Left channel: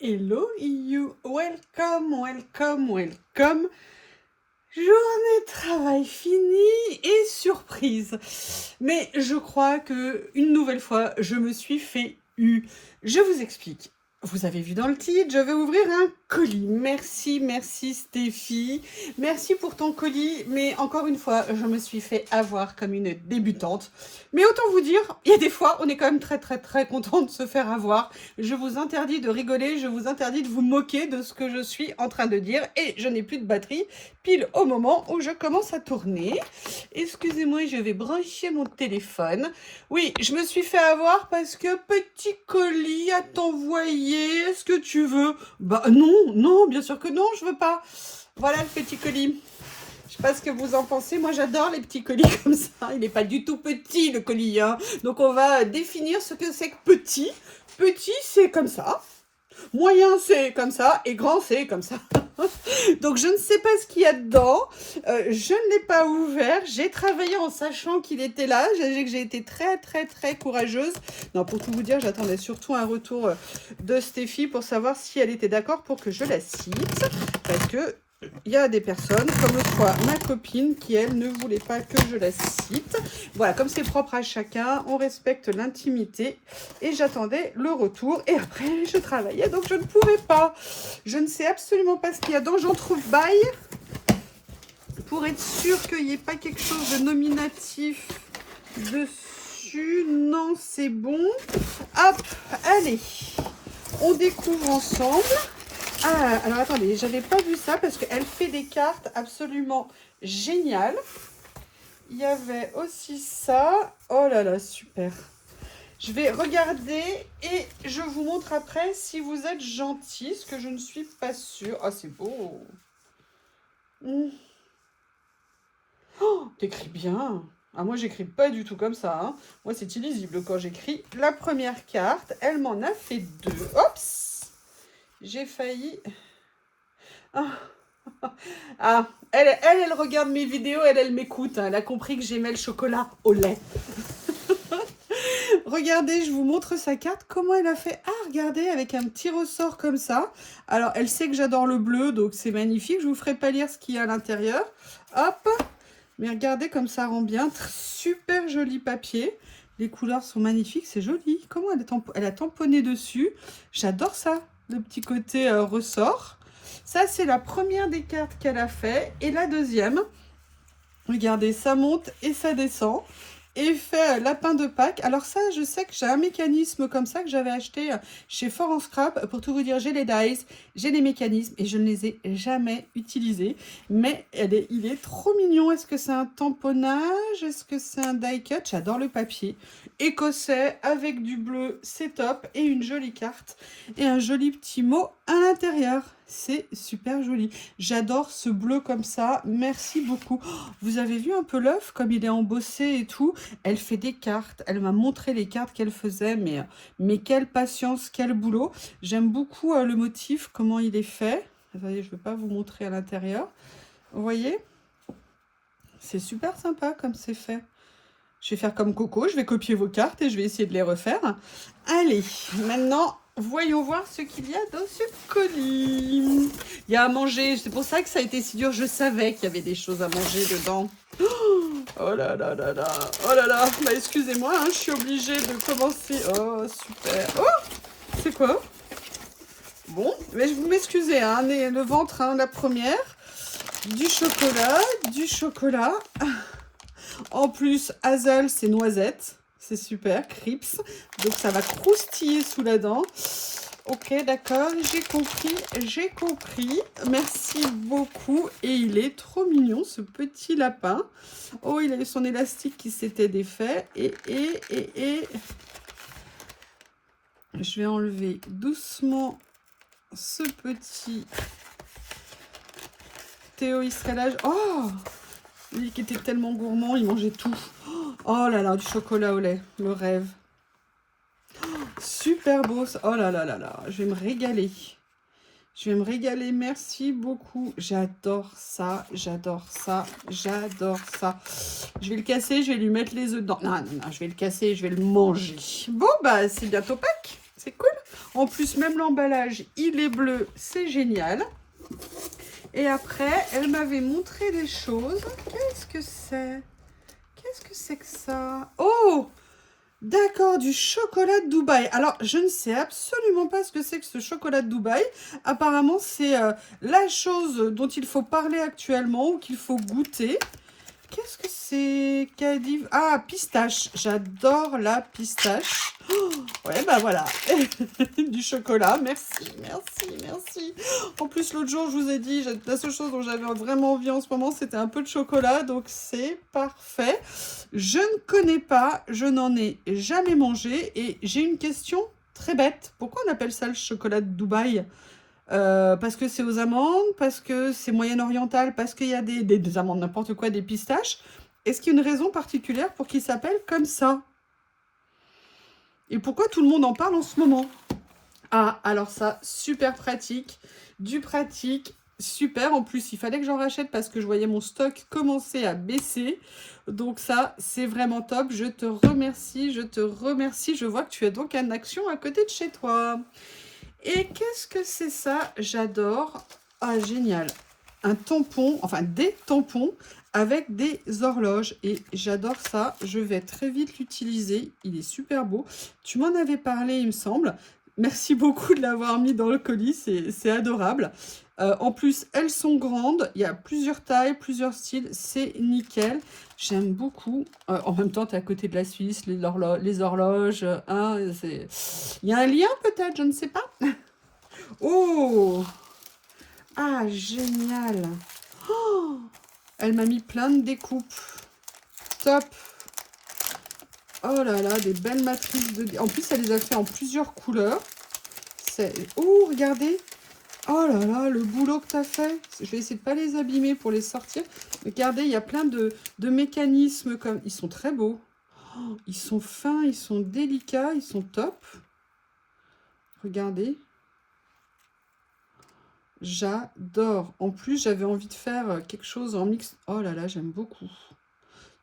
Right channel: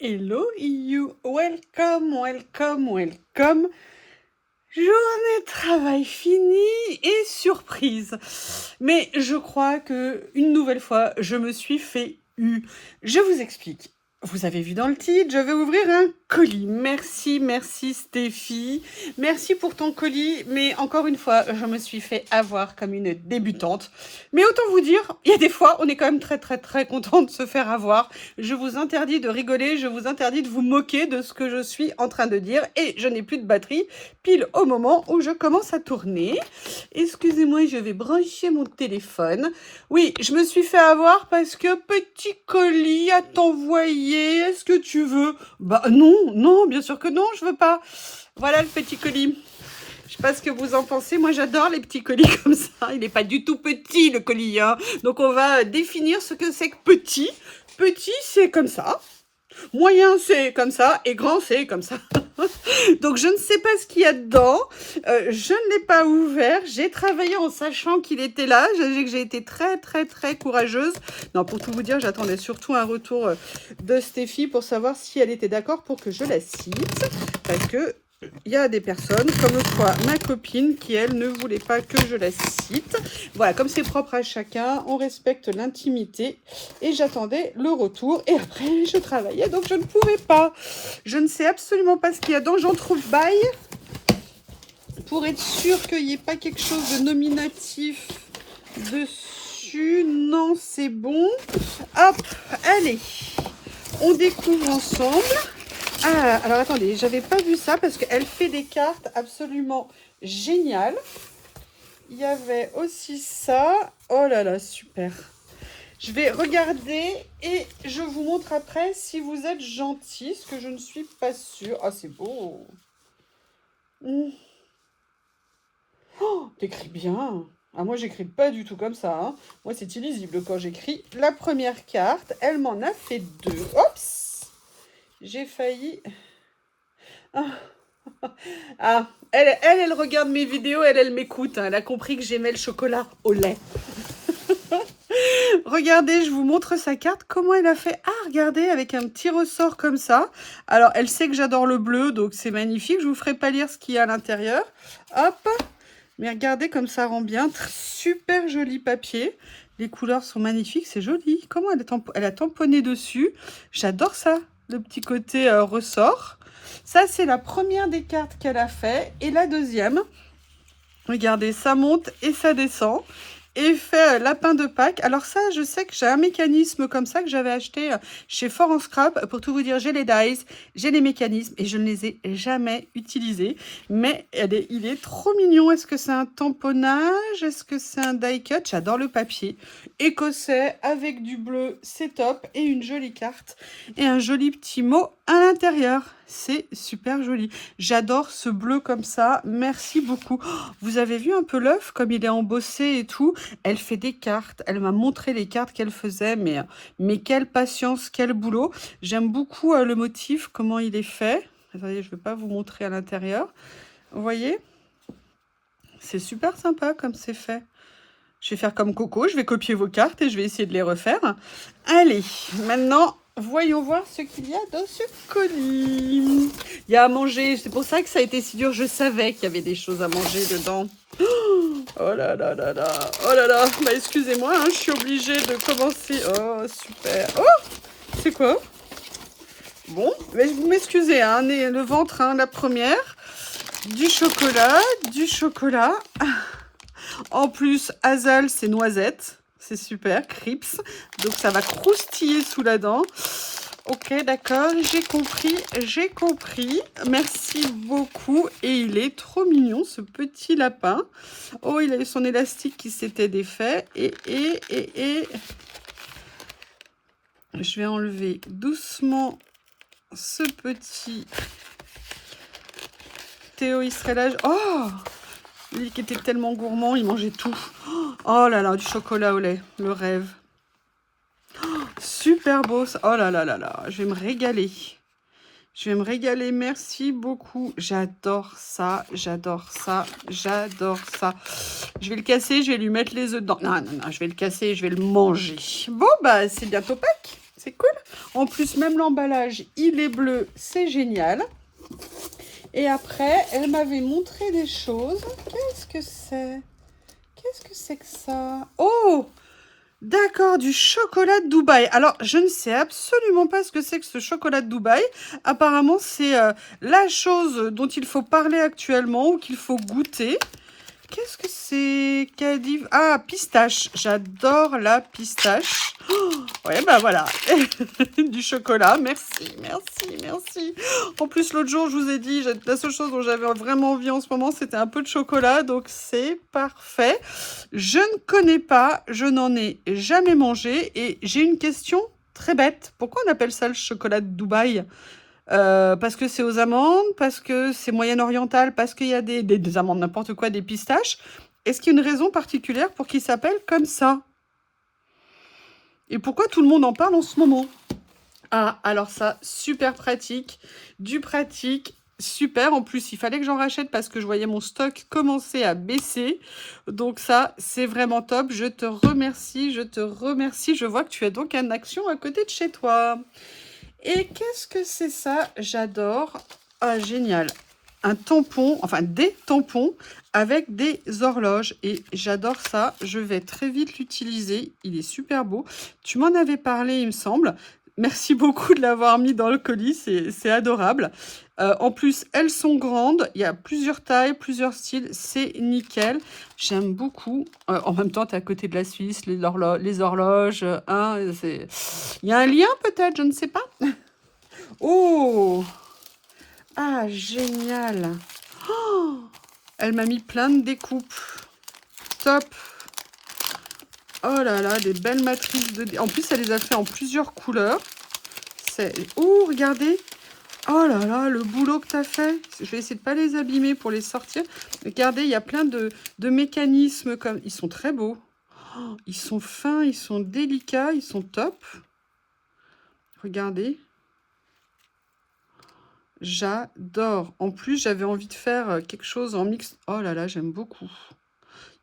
Hello you, welcome, welcome, welcome. Journée de travail finie et surprise. Mais je crois que une nouvelle fois, je me suis fait eu. Je vous explique. Vous avez vu dans le titre, je vais ouvrir un colis. Merci, merci Stéphie. Merci pour ton colis. Mais encore une fois, je me suis fait avoir comme une débutante. Mais autant vous dire, il y a des fois, on est quand même très content de se faire avoir. Je vous interdis de rigoler, je vous interdis de vous moquer de ce que je suis en train de dire. Et je n'ai plus de batterie pile au moment où je commence à tourner. Excusez-moi, je vais brancher mon téléphone. Oui, je me suis fait avoir parce que petit colis à t'envoyer. Est-ce que tu veux? Bah non, non, bien sûr que non, je veux pas. Voilà le petit colis. Je sais pas ce que vous en pensez. Moi, j'adore les petits colis comme ça. Il n'est pas du tout petit, le colis, hein. Donc, on va définir ce que c'est que petit. Petit, c'est comme ça. Moyen, c'est comme ça. Et grand, c'est comme ça. Donc, je ne sais pas ce qu'il y a dedans. Je ne l'ai pas ouvert. J'ai travaillé en sachant qu'il était là. J'ai été très courageuse. Non, pour tout vous dire, j'attendais surtout un retour de Stéphie pour savoir si elle était d'accord pour que je la cite. Parce que il y a des personnes, comme quoi ma copine, qui elle ne voulait pas que je la cite. Voilà, comme c'est propre à chacun, on respecte l'intimité. Et j'attendais le retour. Et après, je travaillais, donc je ne pouvais pas. Je ne sais absolument pas ce qu'il y a dans j'entrebâille. Pour être sûr qu'il n'y ait pas quelque chose de nominatif dessus. Non, c'est bon. Hop, allez. On découvre ensemble. Ah, alors attendez, j'avais pas vu ça parce qu'elle fait des cartes absolument géniales. Il y avait aussi ça. Oh là là, super. Je vais regarder et je vous montre après si vous êtes gentil, ce que je ne suis pas sûre. Ah, c'est beau. Oh, t'écris bien. Ah, moi, j'écris pas du tout comme ça, hein. Moi, c'est illisible quand j'écris. La première carte, elle m'en a fait deux. Oups! J'ai failli... Ah, elle regarde mes vidéos, elle m'écoute, hein. Elle a compris que j'aimais le chocolat au lait. Regardez, je vous montre sa carte. Comment elle a fait? Ah, regardez, avec un petit ressort comme ça. Alors, elle sait que j'adore le bleu, donc c'est magnifique. Je vous ferai pas lire ce qu'il y a à l'intérieur. Hop. Mais regardez comme ça rend bien. Super joli papier. Les couleurs sont magnifiques, c'est joli. Comment elle a tamponné dessus? J'adore ça, le petit côté ressort. Ça, c'est la première des cartes qu'elle a fait. Et la deuxième, regardez, ça monte et ça descend. Effet lapin de Pâques. Alors ça, je sais que j'ai un mécanisme comme ça que j'avais acheté chez Fort en Scrap. Pour tout vous dire, j'ai les dies, j'ai les mécanismes et je ne les ai jamais utilisés. Mais il est trop mignon. Est-ce que c'est un tamponnage? Est-ce que c'est un die cut? J'adore le papier. Écossais avec du bleu, c'est top. Et une jolie carte et un joli petit mot à l'intérieur. C'est super joli. J'adore ce bleu comme ça. Merci beaucoup. Oh, vous avez vu un peu l'œuf, comme il est embossé et tout. Elle fait des cartes. Elle m'a montré les cartes qu'elle faisait. Mais quelle patience, quel boulot. J'aime beaucoup le motif, comment il est fait. Attendez, je ne vais pas vous montrer à l'intérieur. Vous voyez? C'est super sympa comme c'est fait. Je vais faire comme Coco. Je vais copier vos cartes et je vais essayer de les refaire. Allez, maintenant... voyons voir ce qu'il y a dans ce colis. Il y a à manger. C'est pour ça que ça a été si dur. Je savais qu'il y avait des choses à manger dedans. Oh là là là là. Oh là là. Bah, excusez-moi, hein, je suis obligée de commencer. Oh, super. Oh, c'est quoi? Bon, mais vous m'excusez, hein, le ventre, hein, la première. Du chocolat, du chocolat. En plus, Hazel, c'est noisette. C'est super, Crips. Donc, ça va croustiller sous la dent. Ok, d'accord, j'ai compris, j'ai compris. Merci beaucoup. Et il est trop mignon, ce petit lapin. Oh, il a son élastique qui s'était défait. Et... je vais enlever doucement ce petit... Théo, il serait là... Oh! Lui qui était tellement gourmand, il mangeait tout. Oh là là, du chocolat au lait, le rêve. Super beau. Oh là là là là, je vais me régaler. Je vais me régaler, merci beaucoup. J'adore ça, j'adore ça, j'adore ça. Je vais le casser, je vais lui mettre les œufs dedans. Non, non, non, je vais le casser, je vais le manger. Bon, bah, c'est bientôt Pâques. C'est cool. En plus, même l'emballage, il est bleu, c'est génial. Et après, elle m'avait montré des choses. Qu'est-ce que c'est? Qu'est-ce que c'est que ça? Oh! D'accord, du chocolat de Dubaï. Alors, je ne sais absolument pas ce que c'est que ce chocolat de Dubaï. Apparemment, c'est la chose dont il faut parler actuellement ou qu'il faut goûter. Qu'est-ce que c'est? Cadive. Ah, pistache. J'adore la pistache. Oh, ouais, bah voilà. Du chocolat. Merci, merci, merci. En plus, l'autre jour, je vous ai dit, la seule chose dont j'avais vraiment envie en ce moment, c'était un peu de chocolat. Donc, c'est parfait. Je ne connais pas, je n'en ai jamais mangé. Et j'ai une question très bête. Pourquoi on appelle ça le chocolat de Dubaï? Parce que c'est aux amandes, parce que c'est moyen-oriental, parce qu'il y a des amandes, n'importe quoi, des pistaches. Est-ce qu'il y a une raison particulière pour qu'il s'appelle comme ça? Et pourquoi tout le monde en parle en ce moment? Ah, alors ça, super pratique, du pratique, super. En plus, il fallait que j'en rachète parce que je voyais mon stock commencer à baisser. Donc ça, c'est vraiment top. Je te remercie, je te remercie. Je vois que tu es donc en action à côté de chez toi. Et qu'est-ce que c'est ça? J'adore. Ah, génial. Un tampon, enfin des tampons avec des horloges. Et j'adore ça. Je vais très vite l'utiliser. Il est super beau. Tu m'en avais parlé, il me semble. Merci beaucoup de l'avoir mis dans le colis. C'est adorable. En plus, elles sont grandes. Il y a plusieurs tailles, plusieurs styles. C'est nickel. J'aime beaucoup. En même temps, tu es à côté de la Suisse, les horloges. Hein, il y a un lien peut-être, je ne sais pas. Oh! Ah, génial! Oh, elle m'a mis plein de découpes. Top! Oh là là, des belles matrices de... En plus, elle les a fait en plusieurs couleurs. Oh, regardez! Oh là là, le boulot que tu as fait. Je vais essayer de ne pas les abîmer pour les sortir. Regardez, il y a plein de mécanismes comme... Ils sont très beaux. Oh, ils sont fins, ils sont délicats, ils sont top. Regardez. J'adore. En plus, j'avais envie de faire quelque chose en mix. Oh là là, j'aime beaucoup.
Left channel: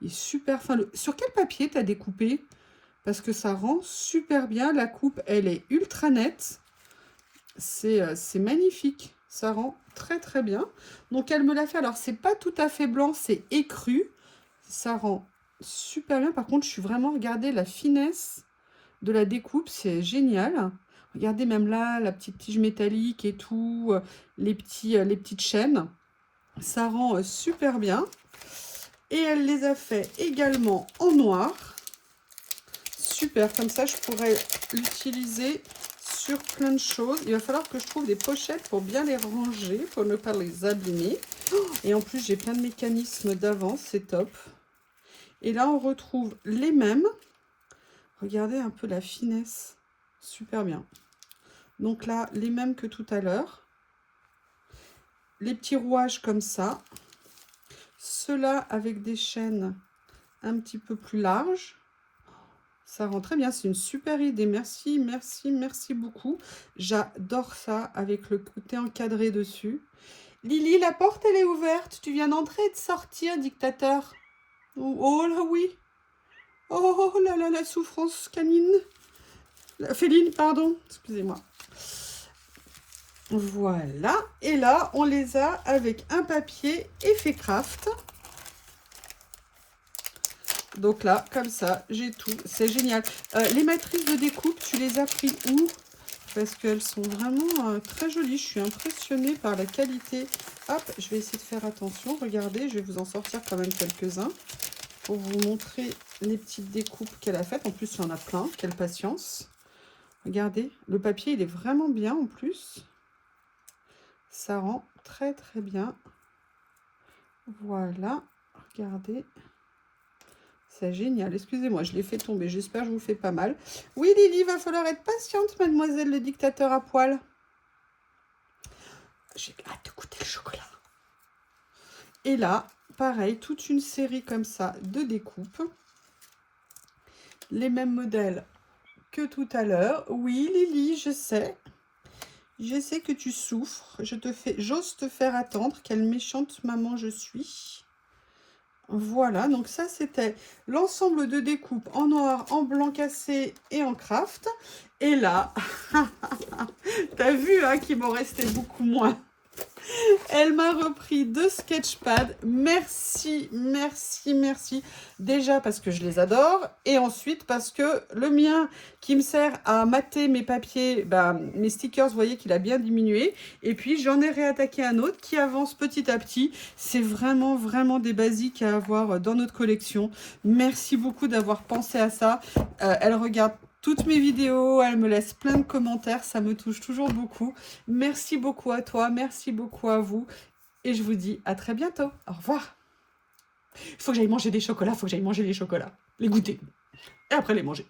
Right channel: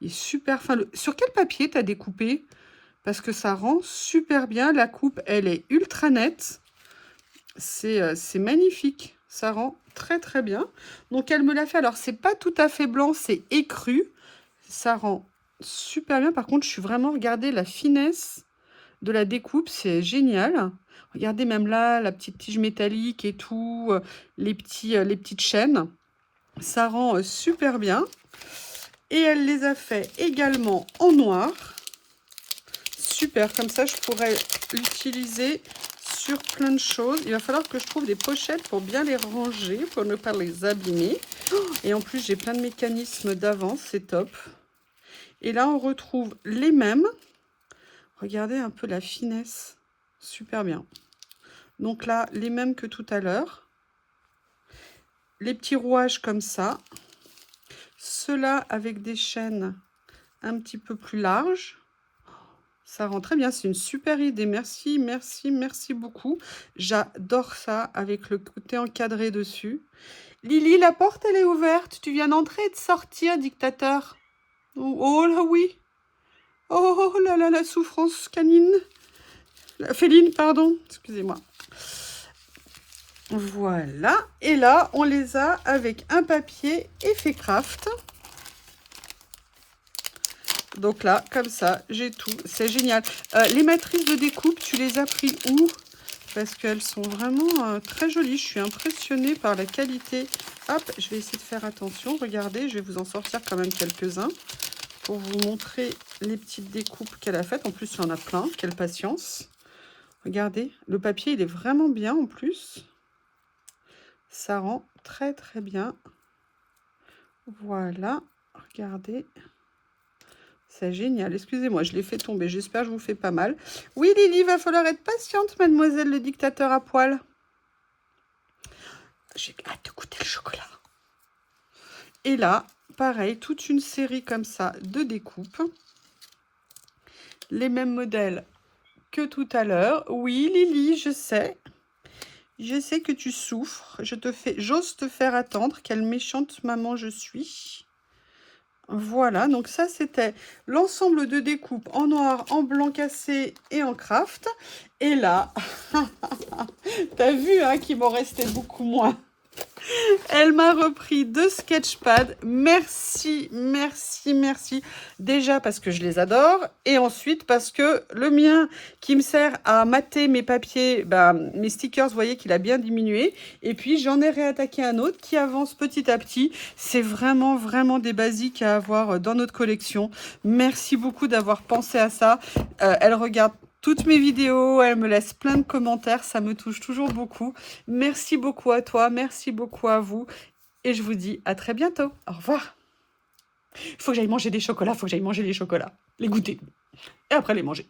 Il est super fin. Sur quel papier tu as découpé? Parce que ça rend super bien. La coupe, elle est ultra nette. C'est magnifique. Ça rend très très bien. Donc, elle me l'a fait. Alors, c'est pas tout à fait blanc, c'est écru. Ça rend super bien. Par contre, je suis vraiment... Regardez la finesse de la découpe. C'est génial. Regardez même là, la petite tige métallique et tout, les petites chaînes. Ça rend super bien. Et elle les a fait également en noir. Super, comme ça je pourrais l'utiliser sur plein de choses. Il va falloir que je trouve des pochettes pour bien les ranger, pour ne pas les abîmer. Et en plus, j'ai plein de mécanismes d'avance, c'est top. Et là, on retrouve les mêmes. Regardez un peu la finesse. Super bien. Donc là, les mêmes que tout à l'heure. Les petits rouages comme ça. Ceux-là avec des chaînes un petit peu plus larges. Ça rend très bien. C'est une super idée. Merci, merci, merci beaucoup. J'adore ça avec le côté encadré dessus. Lily, la porte, elle est ouverte. Tu viens d'entrer et de sortir, dictateur. Oh, oh là, oui. Oh là là, la souffrance canine. Féline, pardon. Excusez-moi. Voilà, et là, on les a avec un papier Effet Craft. Donc là, comme ça, j'ai tout. C'est génial. Les matrices de découpe, tu les as pris où? Parce qu'elles sont vraiment très jolies. Je suis impressionnée par la qualité. Hop, je vais essayer de faire attention. Regardez, je vais vous en sortir quand même quelques-uns pour vous montrer les petites découpes qu'elle a faites. En plus, il y en a plein. Quelle patience. Regardez, le papier, il est vraiment bien en plus. Ça rend très très bien. Voilà, regardez. C'est génial. Excusez-moi, je l'ai fait tomber. J'espère que je vous fais pas mal. Oui, Lily, va falloir être patiente, mademoiselle le dictateur à poil. J'ai hâte de goûter le chocolat. Et là, pareil, toute une série comme ça de découpes. Les mêmes modèles que tout à l'heure. Oui, Lily, je sais. Je sais que tu souffres. J'ose te faire attendre. Quelle méchante maman je suis. Voilà, donc ça c'était l'ensemble de découpes en noir, en blanc cassé et en craft. Et là, t'as vu hein, qu'il m'en restait beaucoup moins. Elle m'a repris 2 sketchpads. Merci, merci, merci. Déjà parce que je les adore. Et ensuite parce que le mien qui me sert à mater mes papiers, mes stickers, vous voyez qu'il a bien diminué. Et puis j'en ai réattaqué un autre qui avance petit à petit. C'est vraiment, vraiment des basiques à avoir dans notre collection. Merci beaucoup d'avoir pensé à ça. Elle regarde toutes mes vidéos, elle me laisse plein de commentaires, ça me touche toujours beaucoup. Merci beaucoup à toi, merci beaucoup à vous. Et je vous dis à très bientôt. Au revoir. Il faut que j'aille manger des chocolats, il faut que j'aille manger les chocolats. Les goûter. Et après les manger.